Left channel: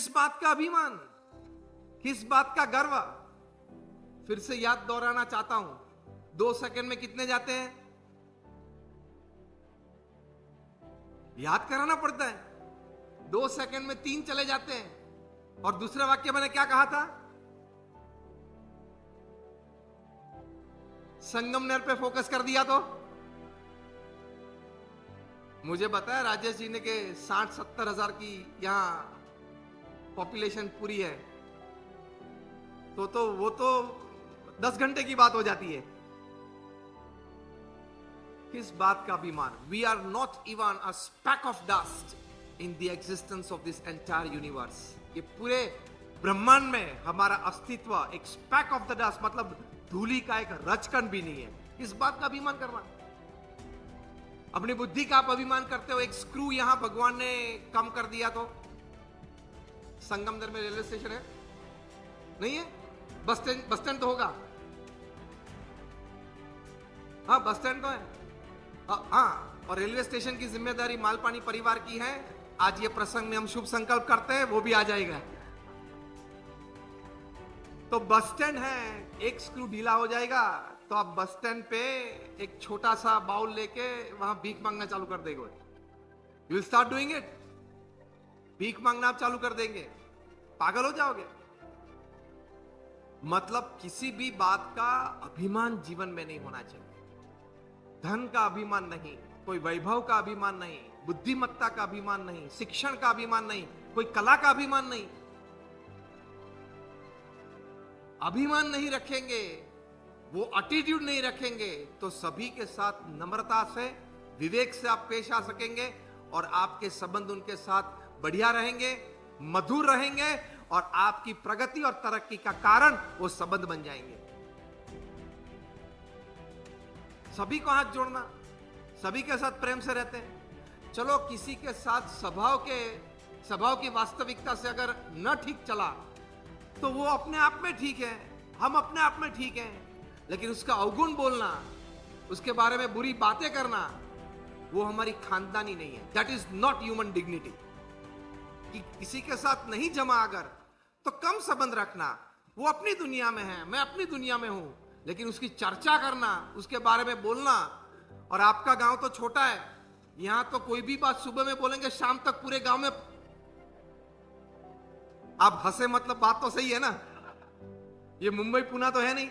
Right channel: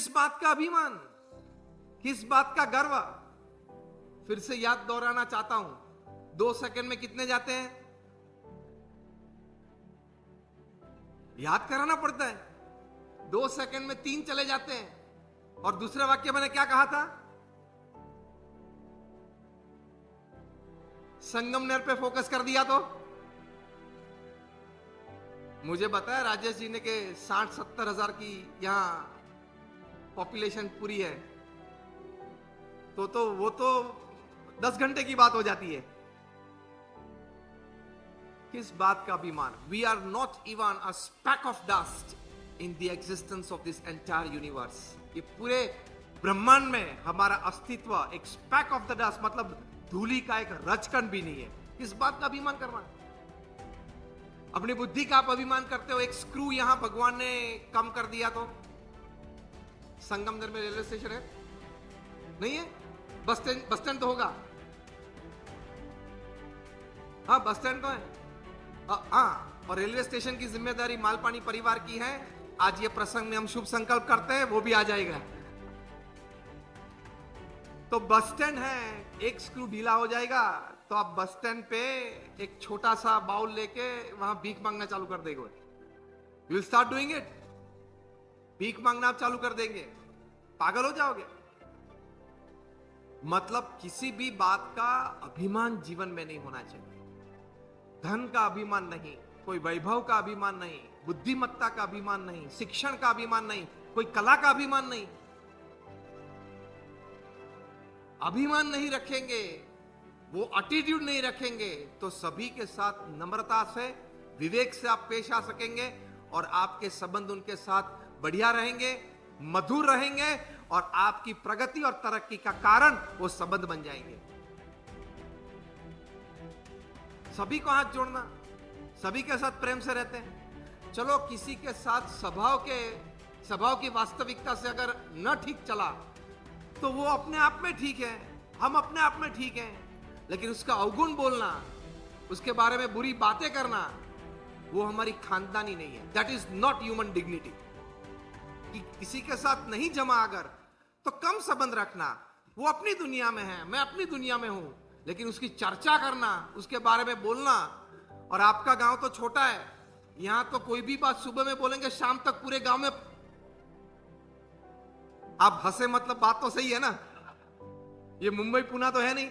किस बात का अभिमान, किस बात का गर्व? फिर से याद दोहराना चाहता हूं, 2 सेकंड में कितने जाते हैं याद कराना पड़ता है। 2 सेकंड में 3 चले जाते हैं। और दूसरे वाक्य मैंने क्या कहा था? संगमनेर पे फोकस कर दिया तो मुझे बताया राजेश जी ने कि 60-70 हजार की क्या पॉपुलेशन पूरी है, तो वो तो 10 घंटे की बात हो जाती है। किस बात का अभिमान? We are not even a speck of dust in the existence of this entire universe. ये पूरे ब्रह्मांड में हमारा अस्तित्व एक स्पैक ऑफ द डस्ट, मतलब धूली का एक रचकन भी नहीं है। इस बात का अभिमान करना। अपनी बुद्धि का आप अभिमान करते हो। एक स्क्रू यहां भगवान ने कम कर दिया तो संगमनेर में रेलवे स्टेशन है नहीं है? बस स्टैंड तो होगा। हाँ, बस स्टैंड तो है। हाँ, और रेलवे स्टेशन की जिम्मेदारी मालपानी परिवार की है। आज ये प्रसंग में हम शुभ संकल्प करते हैं, वो भी आ जाएगा। तो बस स्टैंड है, एक स्क्रू ढीला हो जाएगा तो आप बस स्टैंड पे एक छोटा सा बाउल लेके वहां भीख मांगना चालू कर देंगे। You will start doing it. भीख मांगना आप चालू कर देंगे, पागल हो जाओगे। मतलब किसी भी बात का अभिमान जीवन में नहीं होना चाहिए। धन का अभिमान नहीं, कोई वैभव का अभिमान नहीं, बुद्धिमत्ता का अभिमान नहीं, शिक्षण का अभिमान नहीं, कोई कला का अभिमान नहीं। अभिमान नहीं रखेंगे, वो एटीट्यूड नहीं रखेंगे तो सभी के साथ नम्रता से, विवेक से आप पेश आ सकेंगे और आपके संबंध उनके साथ बढ़िया रहेंगे, मधुर रहेंगे और आपकी प्रगति और तरक्की का कारण वो संबंध बन जाएंगे। सभी को हाथ जोड़ना, सभी के साथ प्रेम से रहते हैं। चलो किसी के साथ स्वभाव की वास्तविकता से अगर ना ठीक चला तो वो अपने आप में ठीक है, हम अपने आप में ठीक हैं, लेकिन उसका अवगुण बोलना, उसके बारे में बुरी बातें करना, वो हमारी खानदानी नहीं है। That is not human dignity. कि किसी के साथ नहीं जमा अगर तो कम संबंध रखना। वो अपनी दुनिया में है, मैं अपनी दुनिया में हूं, लेकिन उसकी चर्चा करना, उसके बारे में बोलना। और आपका गांव तो छोटा है, यहां तो कोई भी बात सुबह में बोलेंगे, शाम तक पूरे गांव में। आप हंसे मतलब बात तो सही है ना। ये मुंबई पुणे तो है नहीं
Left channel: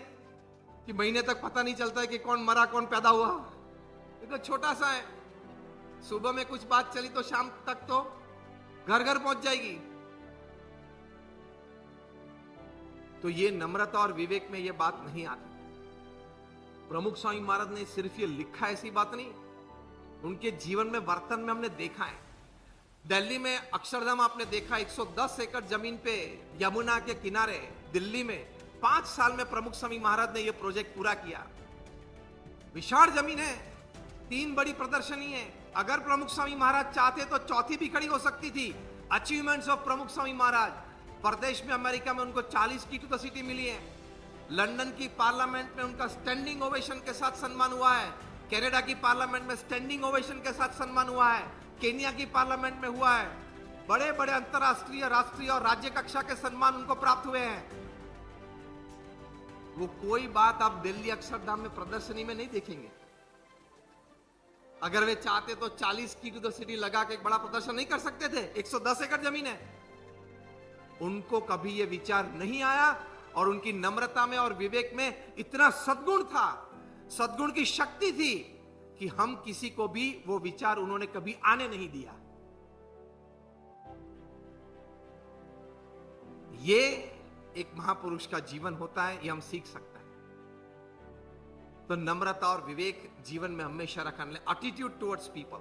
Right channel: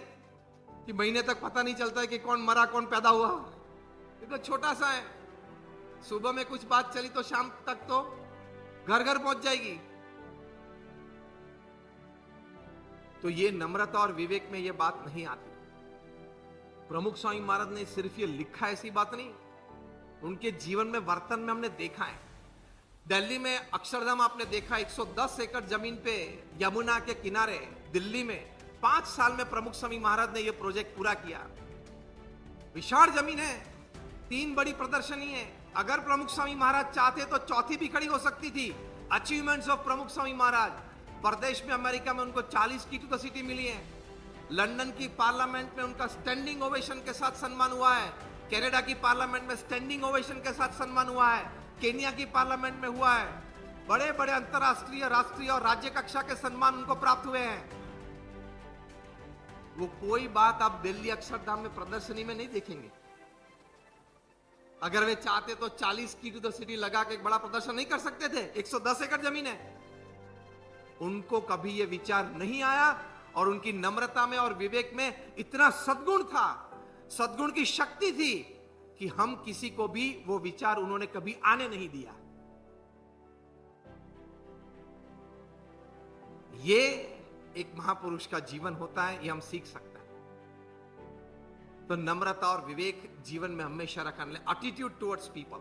कि महीने तक पता नहीं चलता है कि कौन मरा कौन पैदा हुआ। ये तो छोटा सा है। सुबह में कुछ बात चली तो शाम तक तो घर घर पहुंच जाएगी। तो ये नम्रता और विवेक में ये बात नहीं आती। प्रमुख स्वामी महाराज ने सिर्फ ये लिखा, ऐसी बात नहीं, उनके जीवन में वर्तन में हमने देखा है। दिल्ली में अक्षरधाम आपने देखा, 110 एकड़ जमीन पे यमुना के किनारे दिल्ली में 5 साल में प्रमुख स्वामी महाराज ने यह प्रोजेक्ट पूरा किया। विशाल जमीन है, 3 बड़ी प्रदर्शनी है। अगर प्रमुख स्वामी महाराज चाहते तो चौथी भी खड़ी हो सकती थी। अचीवमेंट्स ऑफ प्रमुख स्वामी महाराज। प्रदेश में अमेरिका में उनको 40 की टू द सिटी मिली है। लंदन की पार्लियामेंट में उनका स्टैंडिंग ओवेशन के साथ सम्मान हुआ है। कनाडा की पार्लियामेंट में स्टैंडिंग ओवेशन के साथ सम्मान हुआ है। केनिया की पार्लियामेंट में हुआ है। बड़े बड़े अंतरराष्ट्रीय, राष्ट्रीय और राज्य कक्षा के सम्मान उनको प्राप्त हुए हैं। वो कोई बात आप दिल्ली अक्षरधाम में प्रदर्शनी में नहीं देखेंगे। अगर वे चाहते तो 40 की टू द सिटी लगा के एक बड़ा प्रदर्शन नहीं कर सकते थे। 110 एकड़ जमीन है। उनको कभी ये विचार नहीं आया और उनकी नम्रता में और विवेक में इतना सद्गुण था, सद्गुण की शक्ति थी कि हम किसी को भी वो विचार उन्होंने कभी आने नहीं दिया। ये एक महापुरुष का जीवन होता है, ये हम सीख सकते हैं। तो नम्रता और विवेक जीवन में हमेशा रखना, एटीट्यूड टुवर्ड्स पीपल।